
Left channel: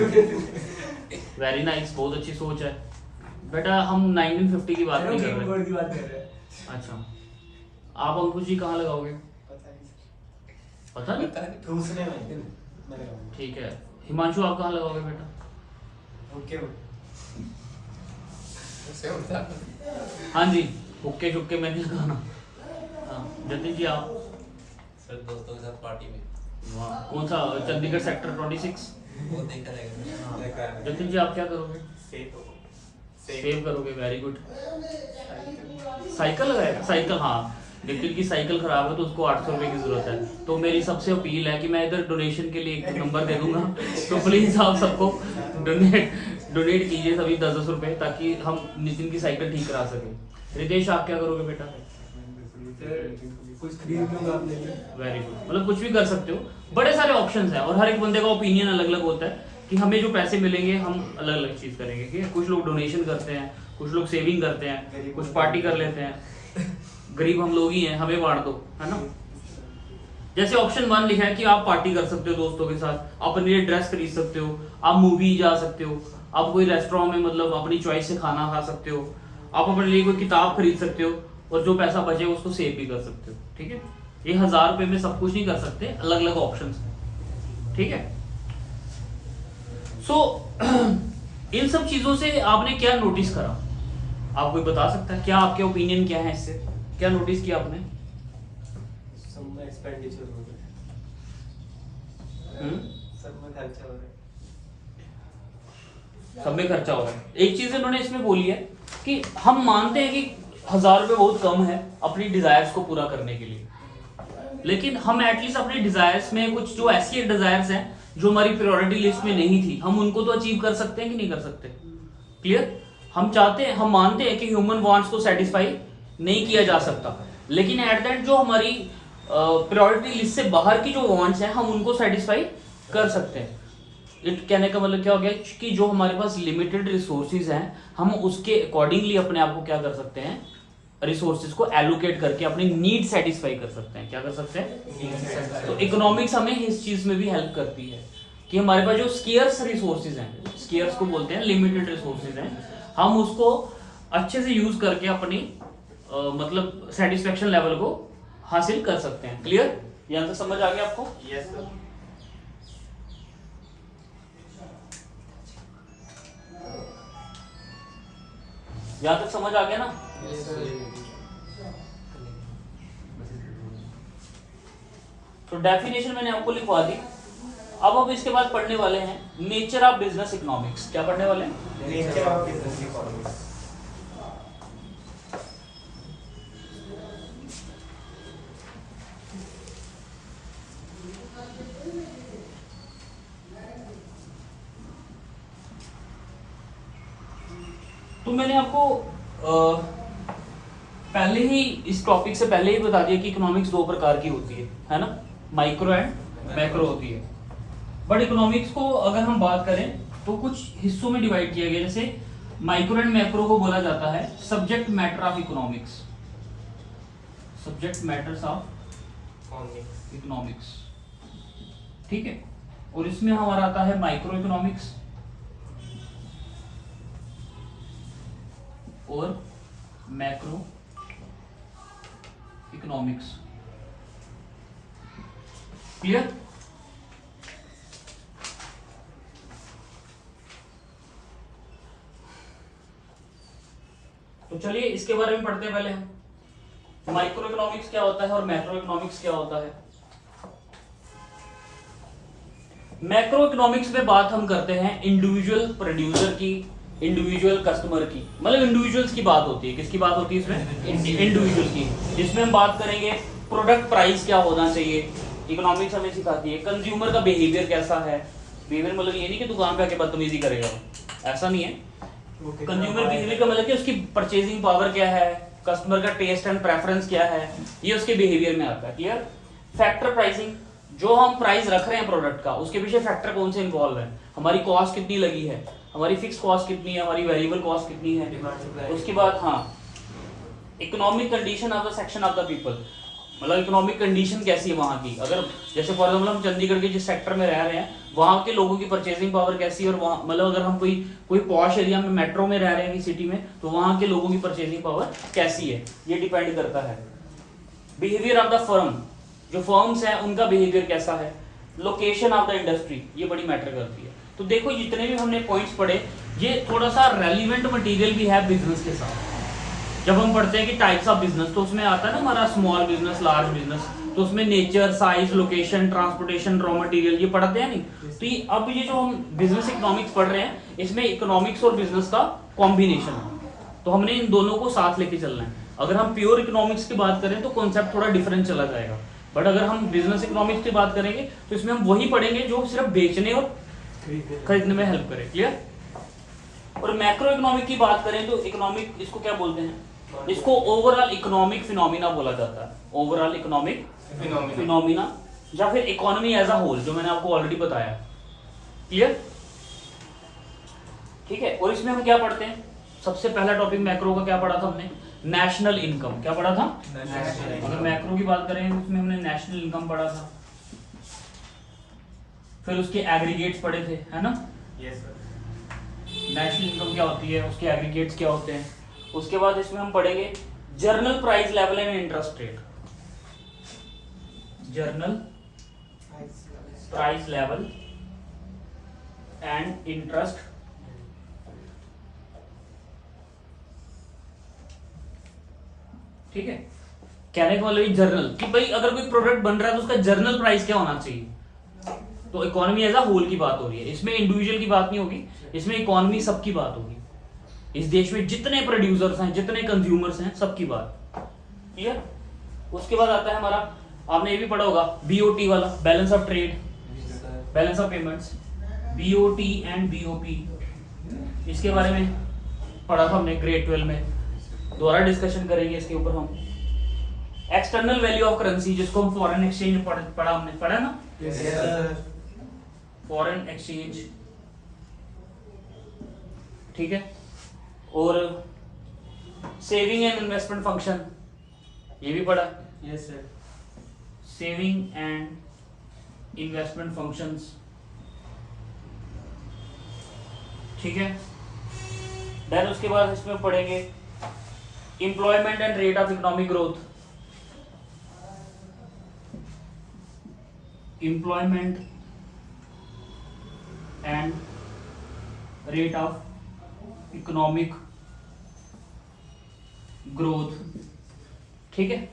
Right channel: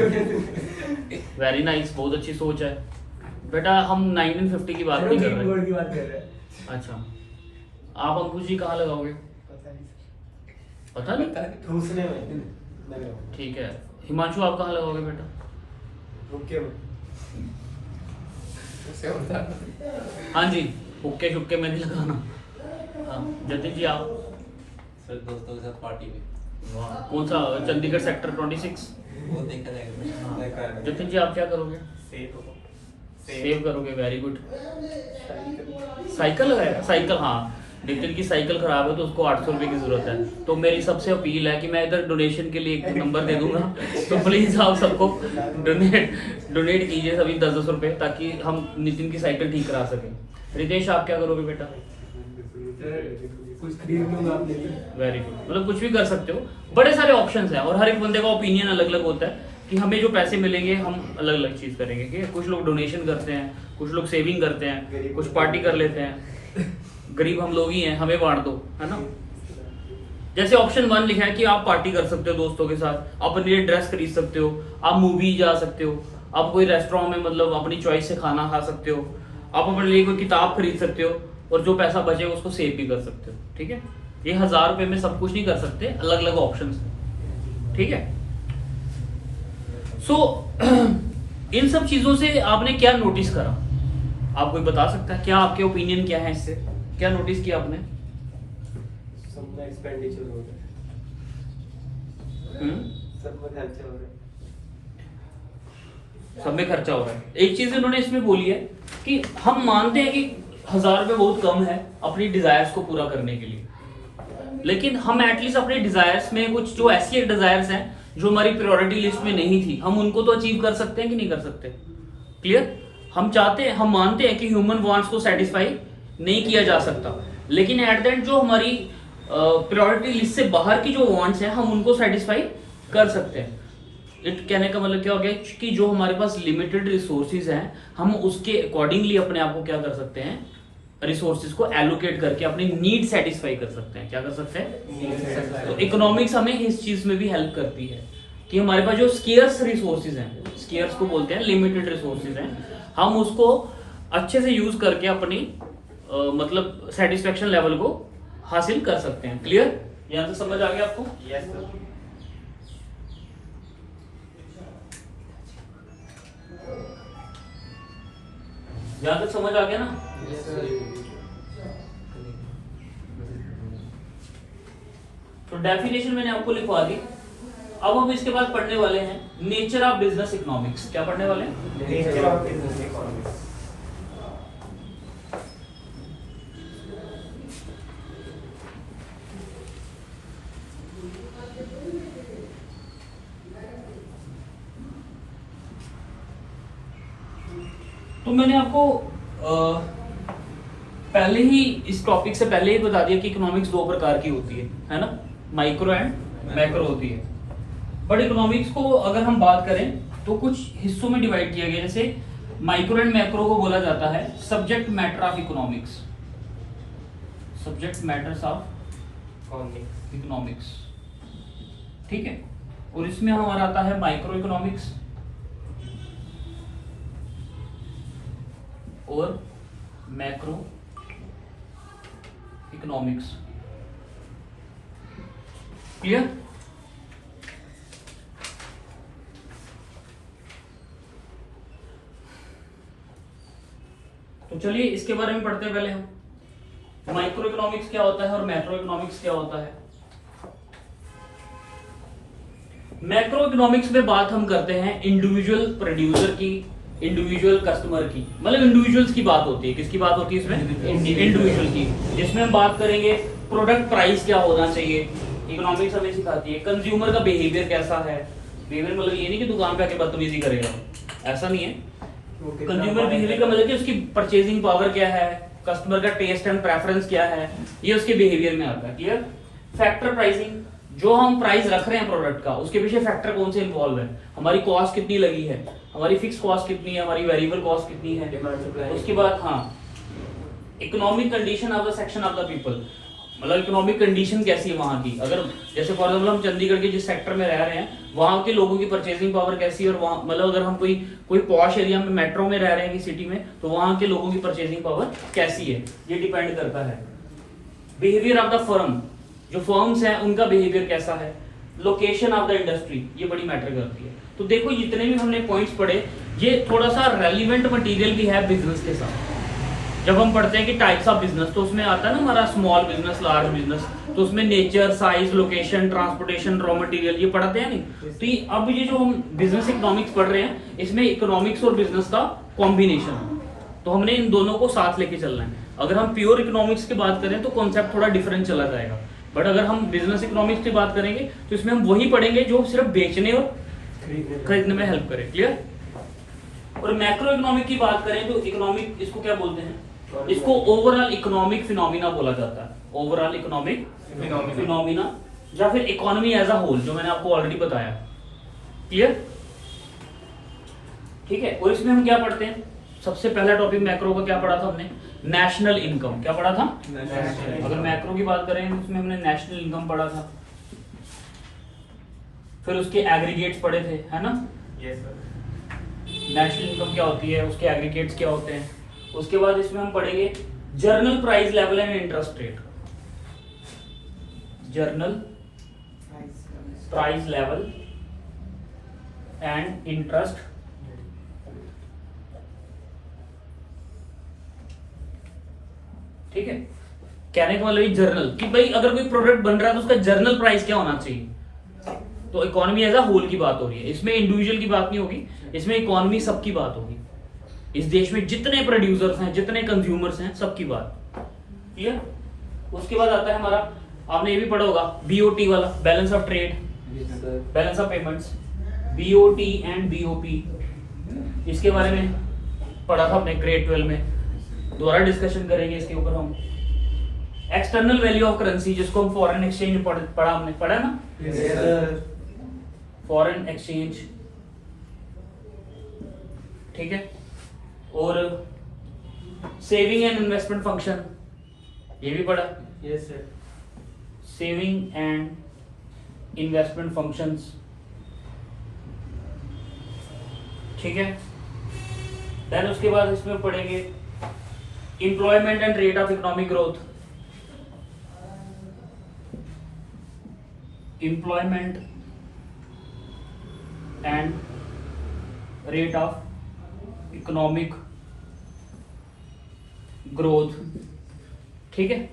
वेरी नाइस, बहुत अच्छी सोच है बेटा। हम 1950 की बात नहीं कर रहे। अच्छा, आप अंकुश जी कहाँ लगाओगे? पता नहीं। दूसरे में। ठीक है, हिमांशु आप कहाँ लगाओगे बेटा? हाँ जी, हुक्के शुक्के में नहीं लगाना। हाँ, जतिन जी आप? सर दोस्तों के साथ पार्टी में। वाह, कौन सा? चंडीगढ़ सेक्टर 26? वो देखा जाएगा। हाँ। जतिन जी आप क्या करोगे? सेव करोगे, वेरी गुड। साइकिल लगाएगा? साइकिल, हाँ, नितिन की साइकिल खराब है तो उसको 800 रुपये की जरूरत है। तो मेरी सबसे अपील है कि मैं इधर डोनेशन के लिए एक नंबर दे दूंगा, तो प्लीज आप सबको डोनेट कीजिए सभी 10-10 रुपये, ताकि हम नितिन की साइकिल ठीक करा सकें। रितेश आप क्या करोगे बेटा? कुछ खरीद लूंगा अपने लिए। वेरी गुड, मतलब कुछ भी कर सकते हो। बड़े सारे ऑप्शंस हैं और हर एक बंदे का ओपिनियन अलग अलग होता है कि हमें जो पैसे मिलेंगे हम अलग अलग चीज करेंगे। ठीक है, कुछ लोग डोनेशन करते हैं, कुछ लोग सेविंग करते हैं, कुछ पार्टी कर लेते हैं। गरीब हम लोग ही हैं, हमें बांट दो, है ना। जैसे ऑप्शन 1 लिखा है कि आप पार्टी कर सकते हो दोस्तों के साथ, आप अपने लिए ड्रेस खरीद सकते हो, आप मूवी जा सकते हो, आप कोई रेस्टोरेंट में मतलब अपनी चॉइस से खाना खा सकते हो, आप अपने लिए कोई किताब खरीद सकते हो और जो पैसा बचे उसको सेव भी कर सकते हो। ठीक है, ये 1000 रुपए में सब कुछ नहीं कर सकते, अलग अलग ऑप्शन है। ठीक है, सो इन सब चीजों से आपने क्या नोटिस करा? आप कोई बता सकता है क्या? आपके ओपिनियन क्या है इससे? क्या नोटिस किया आपने? सब में एक्सपेंडिचर हो रहा है, सब में खर्चा हो रहा है। सब में खर्चा हो रहा है। एक चीज इन्होंने इसमें बोली है कि हम मानते हैं कि 1000 रुपए बहुत कम है अपनी डिजायर्स को पूरा करने के लिए, लेकिन हम एटलीस्ट अपने डिजायर्स में कुछ जो ऐसी डिजायर्स हैं जो हमारी प्रायोरिटी लिस्ट में नहीं थी, हम उनको तो अचीव कर सकते हैं कि नहीं कर सकते? क्लियर? हम चाहते हैं, हम मानते हैं कि ह्यूमन वांट्स को सेटिस्फाई नहीं किया जा सकता, लेकिन एट द एंड जो हमारी प्रायोरिटी लिस्ट से बाहर की जो वांट्स हैं हम उनको सेटिस्फाई कर सकते हैं। इट कहने का मतलब क्या हो गया कि जो हमारे पास लिमिटेड रिसोर्सेज हैं हम उसके अकॉर्डिंगली अपने आप को क्या कर सकते हैं, रिसोर्सेज को एलोकेट करके अपनी नीड सेटिस्फाई कर सकते हैं। क्या कर सकते हैं? तो इकोनॉमिक्स हमें इस चीज में भी हेल्प करती है कि हमारे पास जो स्केयर्स रिसोर्सेज हैं, स्केयर्स को बोलते हैं लिमिटेड रिसोर्सेज हैं, हम उसको अच्छे से यूज करके अपनी मतलब सेटिस्फेक्शन लेवल को हासिल कर सकते हैं। क्लियर? यहां से समझ आ गया आपको? Yes sir. यहां तक समझ आ गया ना? तो डेफिनेशन मैंने आपको लिखवा दी। अब हम इसके बाद पढ़ने वाले हैं नेचर ऑफ बिजनेस इकोनॉमिक्स। क्या पढ़ने वाले हैं? Nature of business economics. तो मैंने आपको पहले ही इस टॉपिक से पहले ही बता दिया कि इकोनॉमिक्स 2 प्रकार की होती है ना, माइक्रो एंड मैक्रो होती है। बट इकोनॉमिक्स को अगर हम बात करें तो कुछ हिस्सों में डिवाइड किया गया, जैसे माइक्रो एंड मैक्रो को बोला जाता है subject matter of economics, subject matters of economics. ठीक है, और इसमें हमारा आता है माइक्रो इकोनॉमिक्स और मैक्रो इकोनॉमिक्स। क्लियर? तो चलिए इसके बारे में पढ़ते हैं पहले हम। माइक्रो इकोनॉमिक्स क्या होता है और मैक्रो इकोनॉमिक्स क्या होता है। मैक्रो इकोनॉमिक्स में बात हम करते हैं इंडिविजुअल प्रोड्यूसर की, इंडिविजुअल कस्टमर की, मतलब इंडिविजुअल्स की बात होती है। किसकी बात होती है इसमें? इंडिविजुअल की। जिसमें हम बात करेंगे प्रोडक्ट प्राइस क्या होना चाहिए, इकोनॉमिक्स हमें सिखाती है। कंज्यूमर का बिहेवियर कैसा है, बिहेवियर मतलब ये नहीं कि दुकान पे आके बदतमीजी करेगा, ऐसा नहीं है। कंज्यूमर बिहेवियर का मतलब कि उसकी परचेजिंग पावर क्या है, कस्टमर का टेस्ट एंड प्रेफरेंस क्या है, ये उसके बिहेवियर में आता है। क्लियर? फैक्टर प्राइसिंग, जो हम प्राइस रख रहे हैं प्रोडक्ट का, उसके पीछे फैक्टर कौन से इन्वॉल्व है, हमारी कॉस्ट कितनी लगी है, हमारी फिक्स कॉस्ट कितनी है, हमारी वेरिएबल कॉस्ट कितनी है। उसके बाद हाँ, economic condition of the section of the people, मतलब इकोनॉमिक कंडीशन कैसी है वहां की। अगर जैसे फॉर एग्जाम्पल हम चंडीगढ़ के जिस सेक्टर में रह रहे हैं वहां के लोगों की परचेजिंग पावर कैसी है, और वहाँ मतलब अगर हम कोई पॉश एरिया में मेट्रो में रह रहे हैं कि सिटी में, तो वहां के लोगों की परचेजिंग पावर कैसी है, ये डिपेंड करता है। बिहेवियर ऑफ द फर्म, जो फर्म्स हैं उनका बिहेवियर कैसा है। लोकेशन ऑफ द इंडस्ट्री, ये बड़ी मैटर करती है। तो देखो जितने भी हमने पॉइंट्स पढ़े ये थोड़ा सा रेलिवेंट मटेरियल भी है बिजनेस के साथ। जब हम पढ़ते हैं कि टाइप्स ऑफ बिजनेस, तो उसमें आता है ना हमारा स्मॉल बिजनेस, लार्ज बिजनेस, तो उसमें nature, size, location, transportation, raw material ये पढ़ते हैं नहीं। तो ये अब ये जो हम बिजनेस इकोनॉमिक्स पढ़ रहे हैं इसमें इकोनॉमिक्स और बिजनेस का कॉम्बिनेशन है, तो हमने इन दोनों को साथ लेके चलना है। अगर हम प्योर इकोनॉमिक्स की बात करें तो कॉन्सेप्ट थोड़ा डिफरेंट चला जाएगा, बट अगर हम बिजनेस इकोनॉमिक्स की बात करेंगे तो इसमें हम वही पढ़ेंगे जो सिर्फ बेचने और खरीदने में हेल्प करे। क्लियर? और मैक्रो इकोनॉमिक की बात करें तो इकोनॉमिक इसको क्या बोलते हैं, इसको ओवरऑल इकोनॉमिक फिनोमिना बोला जाता है, ओवरऑल इकोनॉमिक फिनोमिना या फिर इकोनॉमी एज अ होल, जो मैंने आपको ऑलरेडी बताया। क्लियर? ठीक है। और इसमें हम क्या पढ़ते हैं? सबसे पहला टॉपिक मैक्रो का क्या पढ़ा था हमने? National income. क्या पढ़ा था? अगर मैक्रो की बात करें तो उसमें हमने नेशनल इनकम पढ़ा था, फिर उसके एग्रीगेट्स पढ़े थे, है ना? नेशनल इनकम क्या होती है, उसके एग्रीगेट्स क्या होते हैं। उसके बाद इसमें हम पढ़ेंगे journal price level and interest rate, journal price level and interest. ठीक है। कहने का मतलब जर्नल कि भाई अगर कोई प्रोडक्ट बन रहा है तो उसका जर्नल प्राइस क्या होना चाहिए। तो इकोनॉमी एज अ होल की बात हो रही है, इसमें इंडिविजुअल की बात नहीं होगी, इसमें इकोनॉमी सबकी बात होगी। इस देश में जितने प्रोड्यूसर्स हैं, जितने कंज्यूमर्स हैं, सबकी बात। क्लियर? उसके बाद आता है हमारा, आपने ये भी पढ़ा होगा, बीओटी वाला, balance of trade, balance of payments, BOT and BOP. इसके बारे में पढ़ा था हमने ग्रेड 12 में, दोबारा डिस्कशन करेंगे इसके ऊपर हम। एक्सटर्नल वैल्यू ऑफ करेंसी, जिसको हम फॉरेन एक्सचेंज पढ़ा हमने, पढ़ा ना? Foreign exchange. ठीक है। और सेविंग एंड इन्वेस्टमेंट फंक्शन, ये भी पढ़ा। Yes sir. Saving and investment functions. ठीक है। देन उसके बाद इसमें पढ़ेंगे employment and rate of economic growth, employment and rate of economic growth. ठीक है।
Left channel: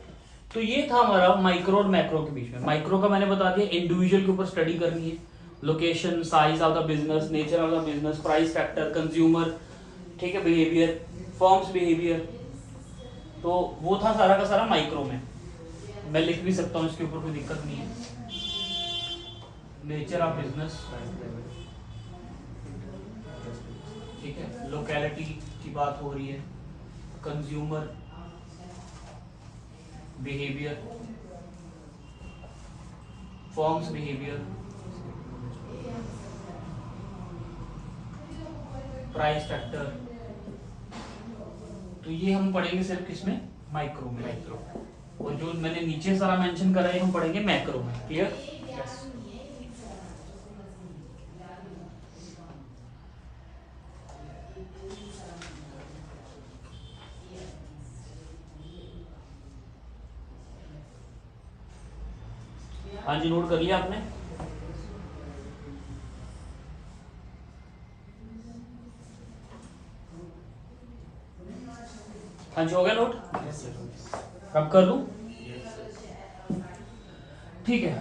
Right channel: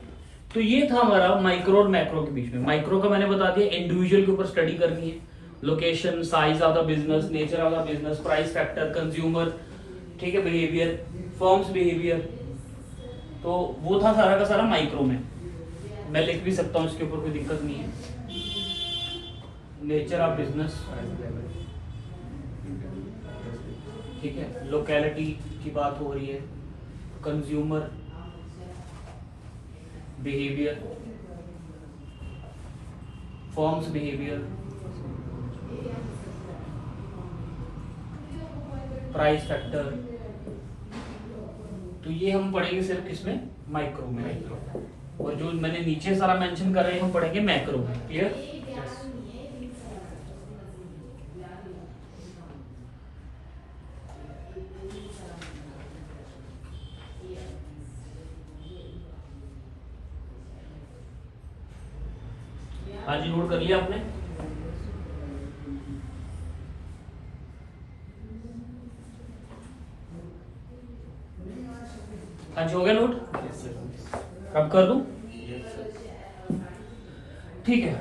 तो ये था हमारा माइक्रो और मैक्रो के बीच में। माइक्रो का मैंने बता दिया, इंडिविजुअल के ऊपर स्टडी करनी है, location, size of the business, nature of the business, price factor, consumer, ठीक है, बिहेवियर, फर्म्स बिहेवियर। तो वो था सारा का सारा माइक्रो में। मैं लिख भी सकता हूँ, इसके ऊपर कोई दिक्कत नहीं है। नेचर ऑफ बिजनेस, ठीक है, लोकेलिटी की बात हो रही है, consumer behaviour, firms behaviour, price factor. तो ये हम पढ़ेंगे सिर्फ किसमें? माइक्रो में। और जो मैंने नीचे सारा मेंशन कर रहे हैं हम पढ़ेंगे मैक्रो में। क्लियर? हाँ जी, नोट कर लिया आपने? हाँ जी, हो गया नोट? कब कर दूं? ठीक है।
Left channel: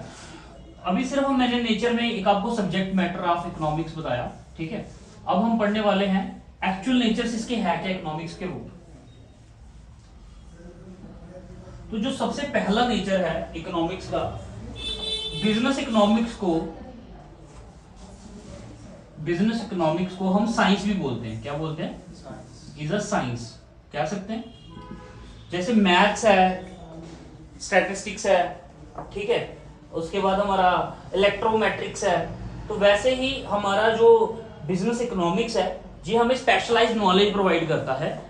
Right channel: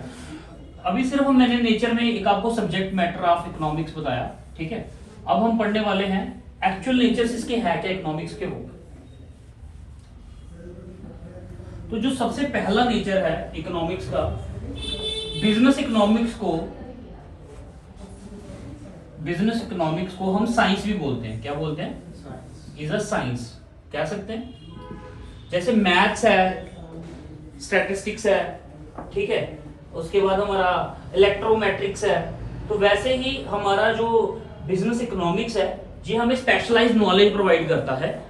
अभी सिर्फ मैंने नेचर में एक आपको सब्जेक्ट मैटर ऑफ इकोनॉमिक्स बताया। ठीक है। अब हम पढ़ने वाले हैं एक्चुअल नेचर इसके है क्या इकोनॉमिक्स के। वो तो जो सबसे पहला नेचर है इकोनॉमिक्स का, बिजनेस इकोनॉमिक्स को हम साइंस भी बोलते हैं। क्या बोलते हैं? इज अ साइंस कह सकते हैं। जैसे मैथ्स है, स्टैटिस्टिक्स है, ठीक है, उसके बाद हमारा इलेक्ट्रोमेट्रिक्स है, तो वैसे ही हमारा जो बिजनेस इकोनॉमिक्स है जी हमें स्पेशलाइज्ड नॉलेज प्रोवाइड करता है,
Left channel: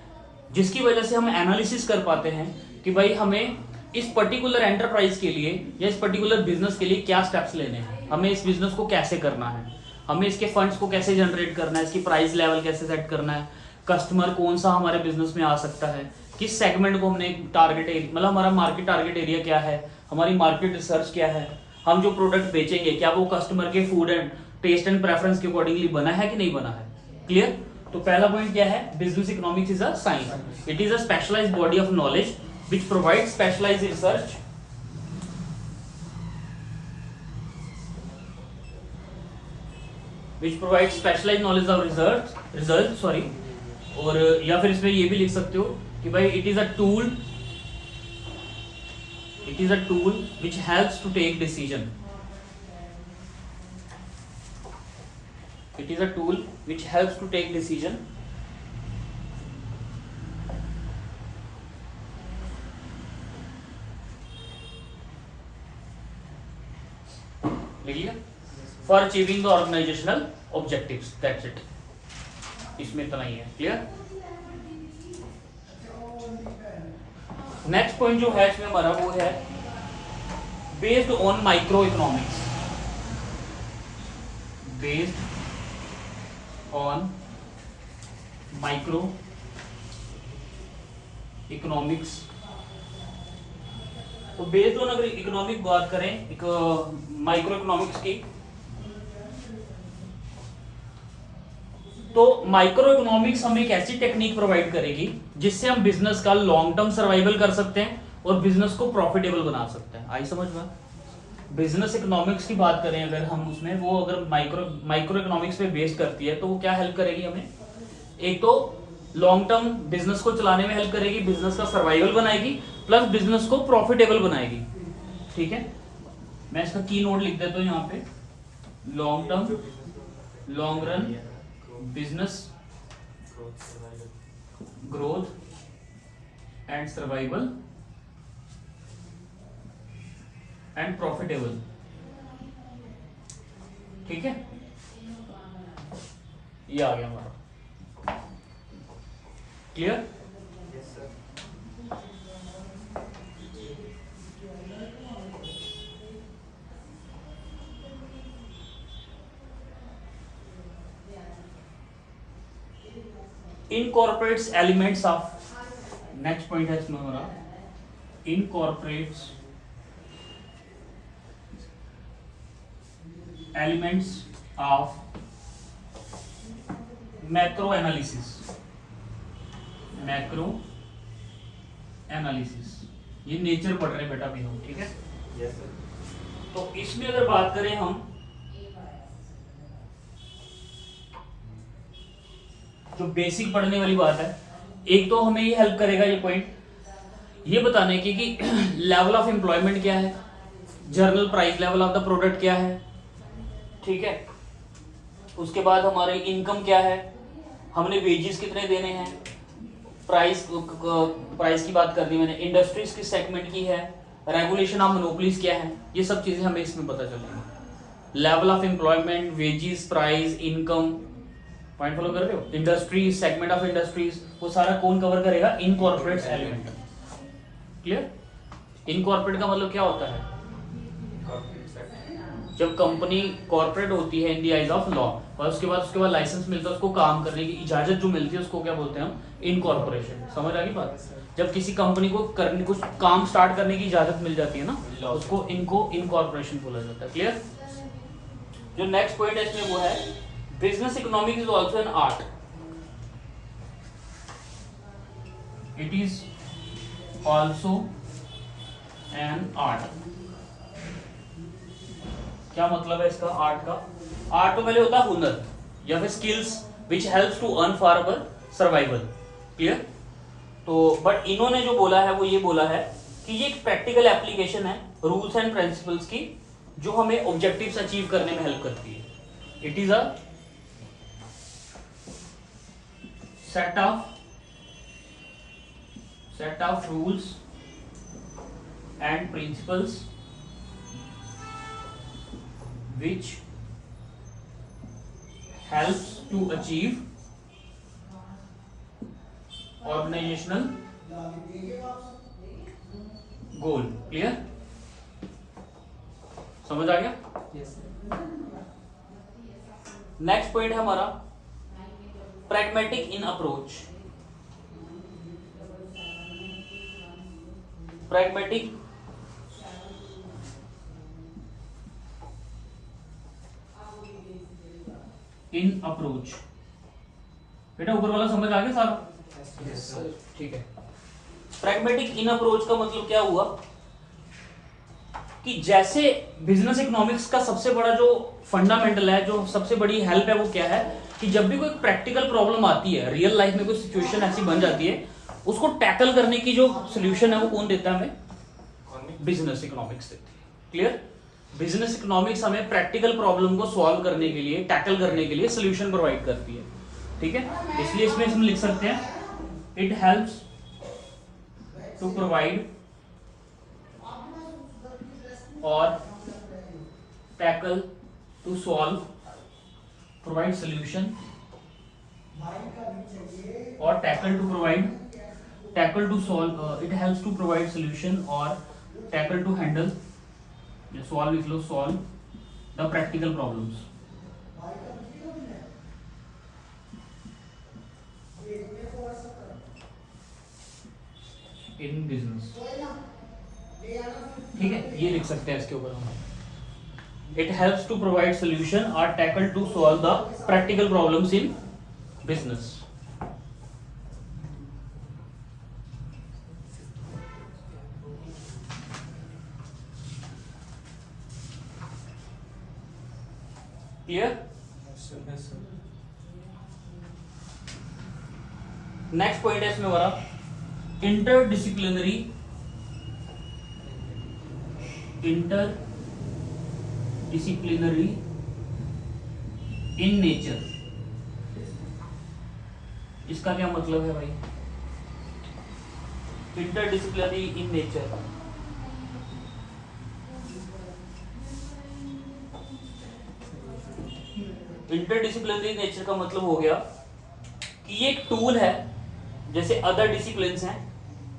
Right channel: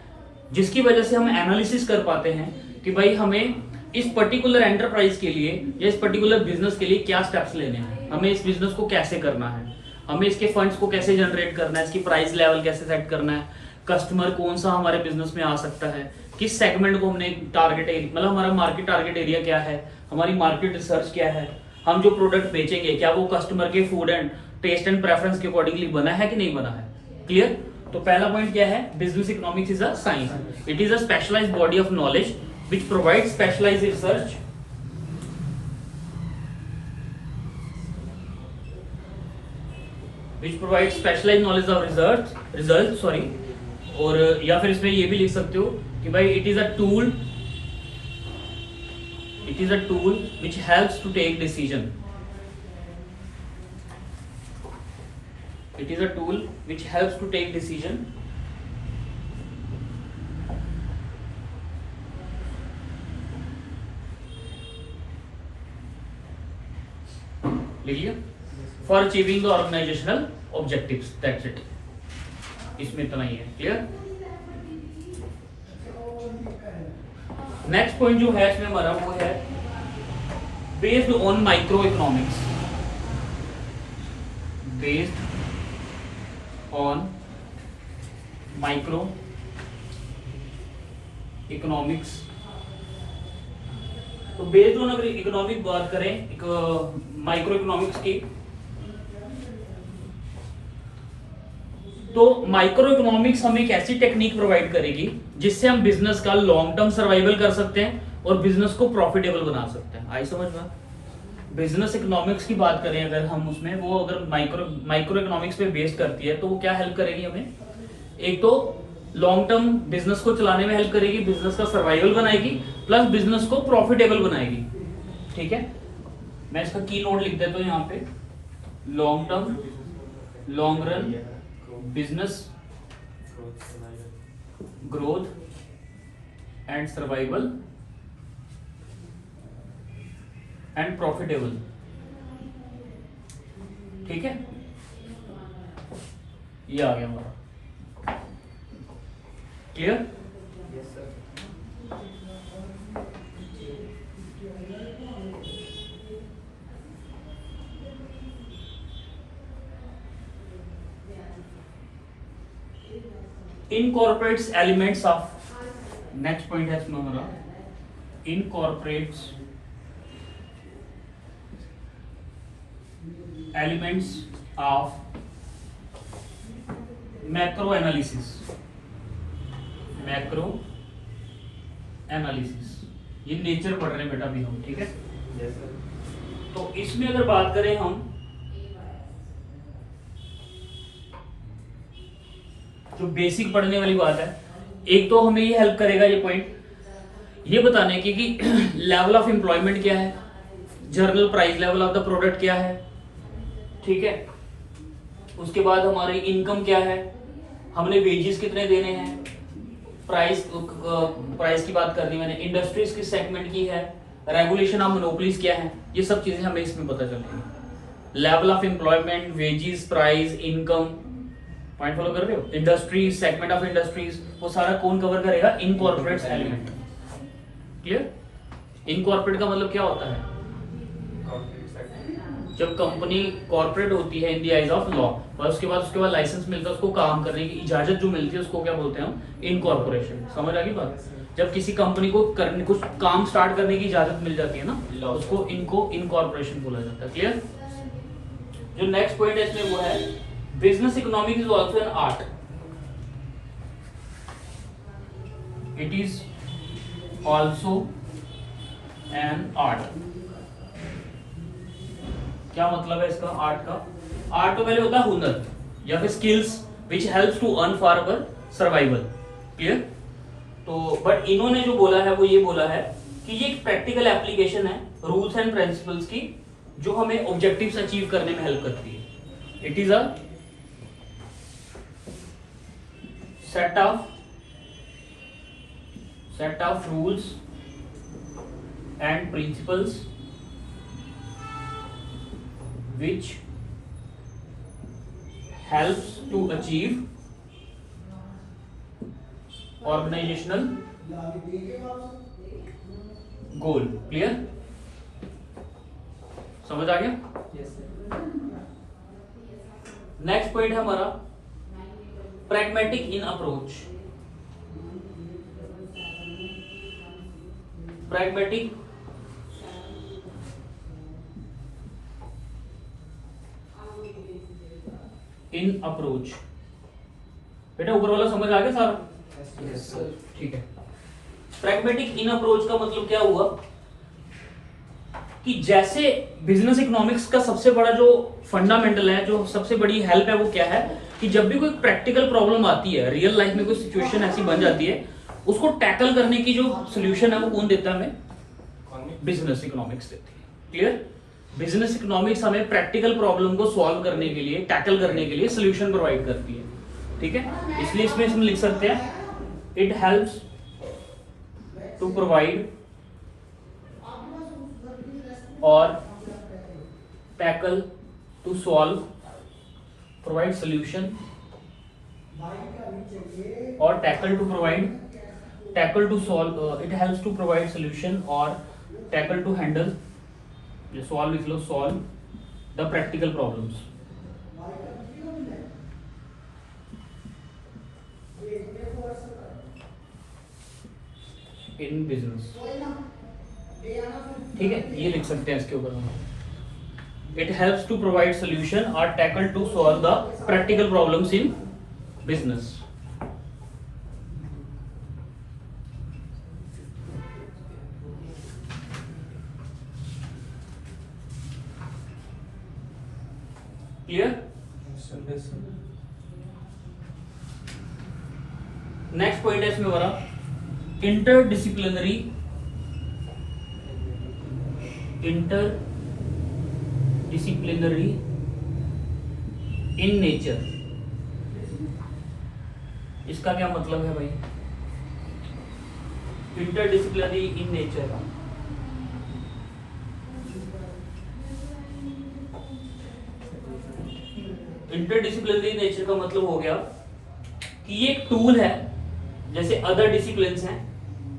जिसकी वजह से हम एनालिसिस कर पाते हैं कि भाई हमें इस पर्टिकुलर एंटरप्राइज के लिए या इस पर्टिकुलर बिजनेस के लिए क्या स्टेप्स लेने हैं, हमें इस बिजनेस को कैसे करना है, हमें इसके फंड्स को कैसे जनरेट करना है, इसकी प्राइस लेवल कैसे सेट करना है, कस्टमर कौन सा हमारे बिजनेस में आ सकता है, किस सेगमेंट को हमने टारगेट एरिया, मतलब हमारा मार्केट टारगेट एरिया क्या है, हमारी मार्केट रिसर्च क्या है, हम जो प्रोडक्ट बेचेंगे क्या वो कस्टमर के food and taste and preference के अकॉर्डिंगली बना है कि नहीं बना है। क्लियर? तो पहला पॉइंट क्या है? Business economics is a science. It is a specialised body of knowledge which provides specialized research which provides specialized knowledge of results sorry। और या फिर इसमें ये भी लिख सकते हो कि भाई it is a tool which helps to take decision। It is a tool which helps to take decision for achieving the organisational objectives, that's it. इसमें इतना ही है, क्लियर। नेक्स्ट पॉइंट जो है इसमें हमारा वो है based on micro economics, based on micro economics. तो बेस्ड ऑन अगर इकोनॉमिक बात करें, एक माइक्रो इकोनॉमिक्स की, तो माइक्रो इकोनॉमिक्स हमें एक ऐसी टेक्निक प्रोवाइड करेगी जिससे हम बिजनेस का लॉन्ग टर्म सर्वाइवल कर सकते हैं और बिजनेस को प्रॉफिटेबल बना सकते हैं। आई समझ में? बिजनेस इकोनॉमिक्स की बात करें अगर हम उसमें, वो अगर माइक्रो इकोनॉमिक्स पे बेस्ड करती है तो वो क्या हेल्प करेगी हमें, एक तो लॉन्ग टर्म बिजनेस को चलाने में हेल्प करेगी, बिजनेस का सर्वाइवल बनाएगी, प्लस बिजनेस को प्रॉफिटेबल बनाएगी। ठीक है, मैं इसका की नोट लिख देता हूं यहाँ पे, long term, long run business growth and survival and profitable. ठीक है, ये आ गया हमारा, clear. incorporates elements of, next point है इसमें हमारा, incorporates elements of macro analysis, macro analysis। ये नेचर पढ़ रहे हैं बेटा भी हम, ठीक है। Yes sir. तो इसमें अगर बात करें हम, जो बेसिक पढ़ने वाली बात है, एक तो हमें ये हेल्प करेगा ये पॉइंट ये बताने की कि लेवल ऑफ एम्प्लॉयमेंट क्या है, journal price level of the product क्या है, ठीक है। उसके बाद हमारी इनकम क्या है, हमने वेजेस कितने देने हैं, प्राइस की बात कर दी मैंने, इंडस्ट्रीज किस सेगमेंट की है, रेगुलेशन ऑफ मोनोपोलीज क्या है, ये सब चीजें हमें इसमें पता चलेंगी। Level of employment, wages, price, income, point follow कर रहे हो, इंडस्ट्रीज, सेगमेंट ऑफ इंडस्ट्रीज, वो सारा कौन कवर करेगा, इनकॉर्पोरेट्स एलिमेंट। क्लियर। इनकॉर्पोरेट का मतलब क्या होता है, जब कंपनी कॉर्पोरेट होती है in the eyes of law, और उसके बाद लाइसेंस मिलता है, उसको काम करने की इजाजत जो मिलती है उसको क्या बोलते हैं हम, इनकॉर्पोरेशन। समझ आ गई बात। जब किसी कंपनी को करने, कुछ काम स्टार्ट करने की इजाजत मिल जाती है ना, उसको इनकॉर्पोरेशन बोला जाता है। क्लियर। जो नेक्स्ट पॉइंट है इसमें वो है business economics is also an art, it is also an art। क्या मतलब है इसका आर्ट का, आर्ट तो पहले होता है हुनर या फिर skills which helps to earn for our survival. Clear. तो बट इन्होंने जो बोला है वो ये बोला है कि ये एक प्रैक्टिकल एप्लीकेशन है रूल्स एंड प्रिंसिपल्स की, जो हमें ऑब्जेक्टिव्स अचीव करने में हेल्प करती है। It is a set of rules and principles which helps to achieve organizational goal। Clear, समझ आ गया। नेक्स्ट पॉइंट है हमारा pragmatic in approach, pragmatic in approach। बेटा ऊपर वाला समझ आ गया सारा? Yes sir. ठीक है। pragmatic in approach का मतलब क्या हुआ कि जैसे बिजनेस इकोनॉमिक्स का सबसे बड़ा जो फंडामेंटल है, जो सबसे बड़ी हेल्प है, वो क्या है कि जब भी कोई प्रैक्टिकल प्रॉब्लम आती है, रियल लाइफ में कोई सिचुएशन ऐसी बन जाती है, उसको टैकल करने की जो सोल्यूशन है वो कौन देता है हमें, बिजनेस इकोनॉमिक्स देती है। क्लियर। बिजनेस इकोनॉमिक्स हमें प्रैक्टिकल प्रॉब्लम को सॉल्व करने के लिए, टैकल करने के लिए सोल्यूशन प्रोवाइड करती है। ठीक है, इसलिए इसमें हम लिख सकते हैं इट हेल्प्स टू प्रोवाइड और tackle to solve, provide solution, or tackle to provide, tackle to solve, it helps to provide solution or tackle to handle, ये solve लिख लो, solve the practical problems. In business, ठीक है, ये लिख सकते हैं इसके ऊपर हम. It helps to provide solution or tackle to solve the practical problems in business. Clear? Next point है इसमें हमारा इंटरडिसिप्लिनरी इन नेचर. इसका क्या मतलब है भाई? Interdisciplinary in nature, interdisciplinary nature का मतलब हो गया कि ये एक टूल है, जैसे अदर डिसिप्लिन्स हैं,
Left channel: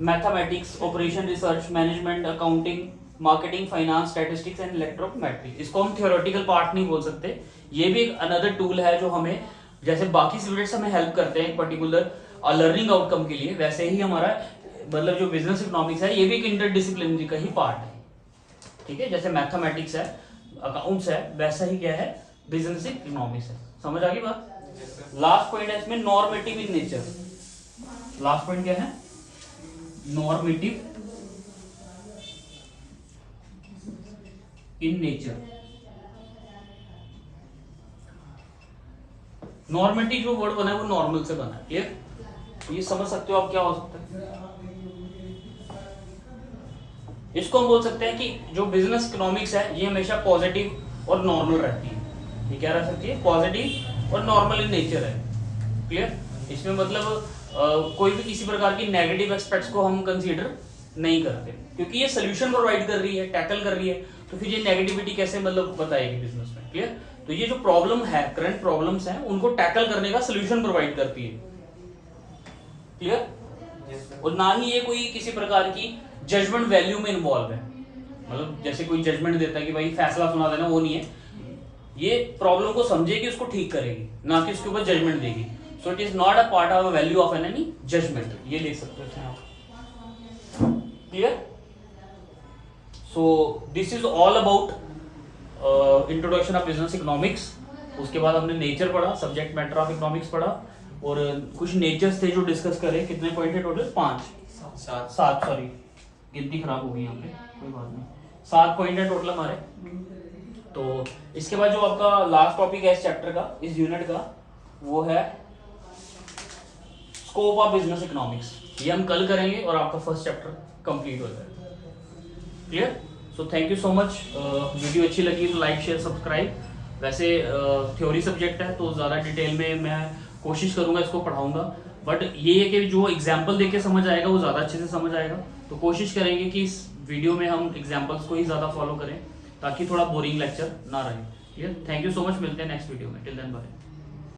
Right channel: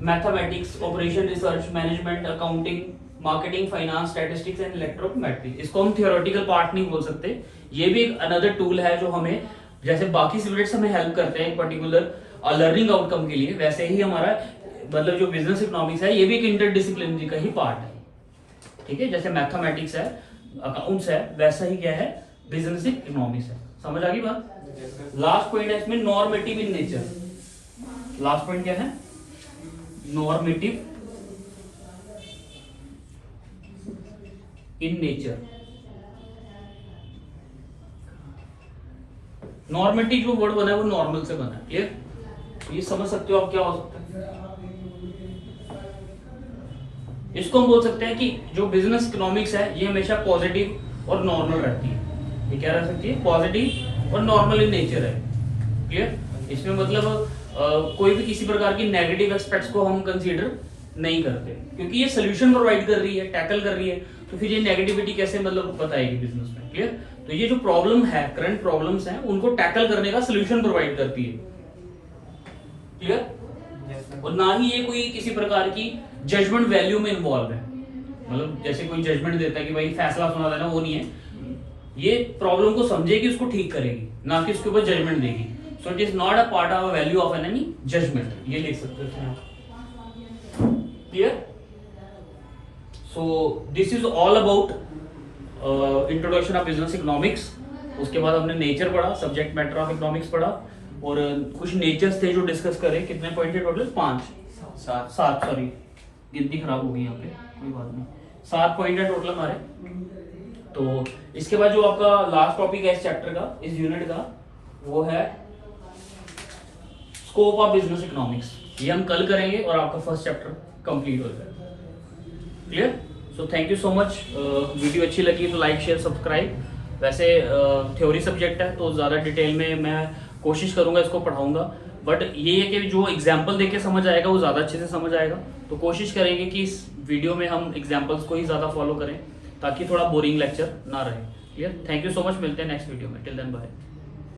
mathematics, operation research, management, accounting, marketing, finance, statistics and electrometric. इसको हम थियोरेटिकल पार्ट नहीं बोल सकते. ये भी एक अनदर टूल है जो हमें, जैसे बाकी सब्जेक्ट्स हमें हेल्प करते हैं एक पर्टिकुलर लर्निंग आउटकम के लिए, वैसे ही हमारा मतलब जो बिजनेस इकोनॉमिक्स है ये भी एक इंटरडिसिप्लिनरी का ही पार्ट है. ठीक है, जैसे मैथमेटिक्स है, अकाउंट्स है, वैसा ही क्या है, बिजनेस इकोनॉमिक्स है. समझ आ गई बात? लास्ट पॉइंट है इसमें normative in nature. Last point क्या है? Normative in nature. नॉर्मेटिव जो वर्ड बना है वो नॉर्मल से बना है. ये समझ सकते हो आप क्या हो सकता है? इसको हम बोल सकते हैं कि जो बिजनेस इकोनॉमिक्स है ये हमेशा पॉजिटिव और नॉर्मल रहती है. ये क्या रह सकती है? पॉजिटिव और नॉर्मल इन नेचर है. क्लियर? इसमें मतलब कोई भी किसी प्रकार की नेगेटिव एस्पेक्ट्स को हम कंसीडर नहीं करते, क्योंकि ये सोल्यूशन प्रोवाइड कर रही है, टैकल कर रही है, तो फिर ये नेगेटिविटी कैसे मतलब बताएगी बिजनेस में. क्लियर? तो ये जो प्रॉब्लम है, करंट प्रॉब्लम्स हैं, उनको टैकल करने का सोल्यूशन प्रोवाइड करती है. क्लियर? और ना ही ये कोई किसी प्रकार की जजमेंट वैल्यू में इन्वॉल्व है. मतलब जैसे कोई जजमेंट देता है कि भाई फैसला सुना देना, वो नहीं है. ये प्रॉब्लम को समझेगी, उसको ठीक करेगी, ना कि उसके ऊपर जजमेंट देगी. So it is not a part of a value of any judgement. ये लिख सकते हो इसमें. Clear? So this is all about introduction of business economics. उसके बाद हमने नेचर पढ़ा, सब्जेक्ट मैटर ऑफ इकोनॉमिक्स पढ़ा, और कुछ नेचर्स थे जो डिस्कस करे. कितने पॉइंट थे टोटल? 7. सॉरी, गिनती खराब हो गई यहाँ पे, कोई बात नहीं. 7 पॉइंट है टोटल हमारे. तो इसके बाद जो आपका लास्ट टॉपिक है इस चैप्टर का, इस यूनिट का, वो है स्कोप ऑफ बिजनेस इकोनॉमिक्स. ये हम कल करेंगे और आपका फर्स्ट चैप्टर कंप्लीट हो जाएगा. Clear? So thank you so much. Video अच्छी लगी तो लाइक, शेयर, सब्सक्राइब. वैसे थ्योरी सब्जेक्ट है तो ज़्यादा डिटेल में मैं कोशिश करूंगा, इसको पढ़ाऊंगा, बट ये है कि जो एग्जाम्पल देके समझ आएगा वो ज़्यादा अच्छे से समझ आएगा. तो कोशिश करेंगे कि इस वीडियो में हम एग्जाम्पल्स को ही ज़्यादा फॉलो करें ताकि थोड़ा बोरिंग लेक्चर ना रहे. Clear? Thank you so much. मिलते हैं नेक्स्ट वीडियो में. Till then bye.